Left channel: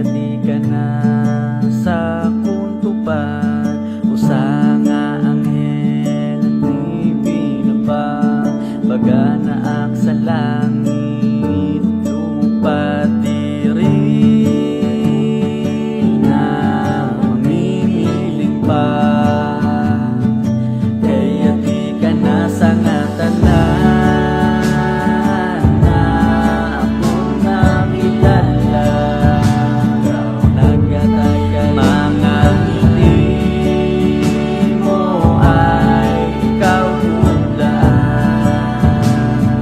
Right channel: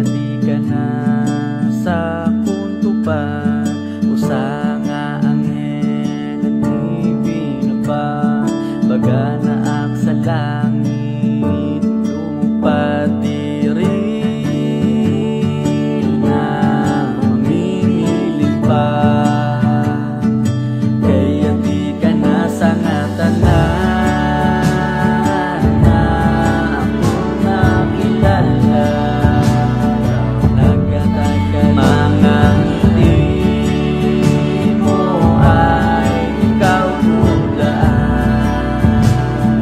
kaya di ka na sa kuntupad. Usa nga anghel ni binaba, baga naak sa langit lumupad diri na mamimiling pa. Kaya di ka na sa nga tanan na ako nakilala. Ikaw nagkatagal mga ngiti mo ay ikaw nagdaan,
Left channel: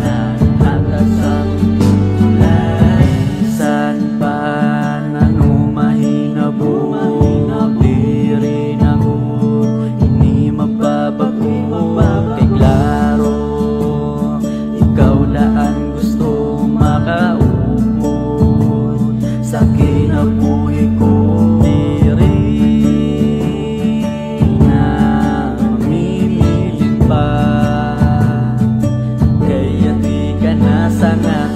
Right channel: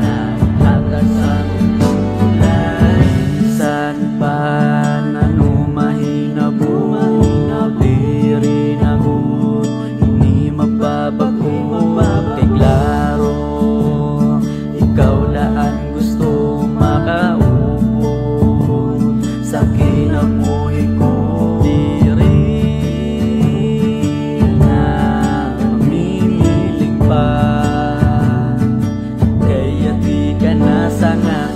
naghatag sa kulay. San pa nanumahinabot diri nagod, ini mababago kay klaro. Ikaw daan gusto makaupod sa kinabuhi ko. Diri na mamimiling pa, kaya di ka na sa nga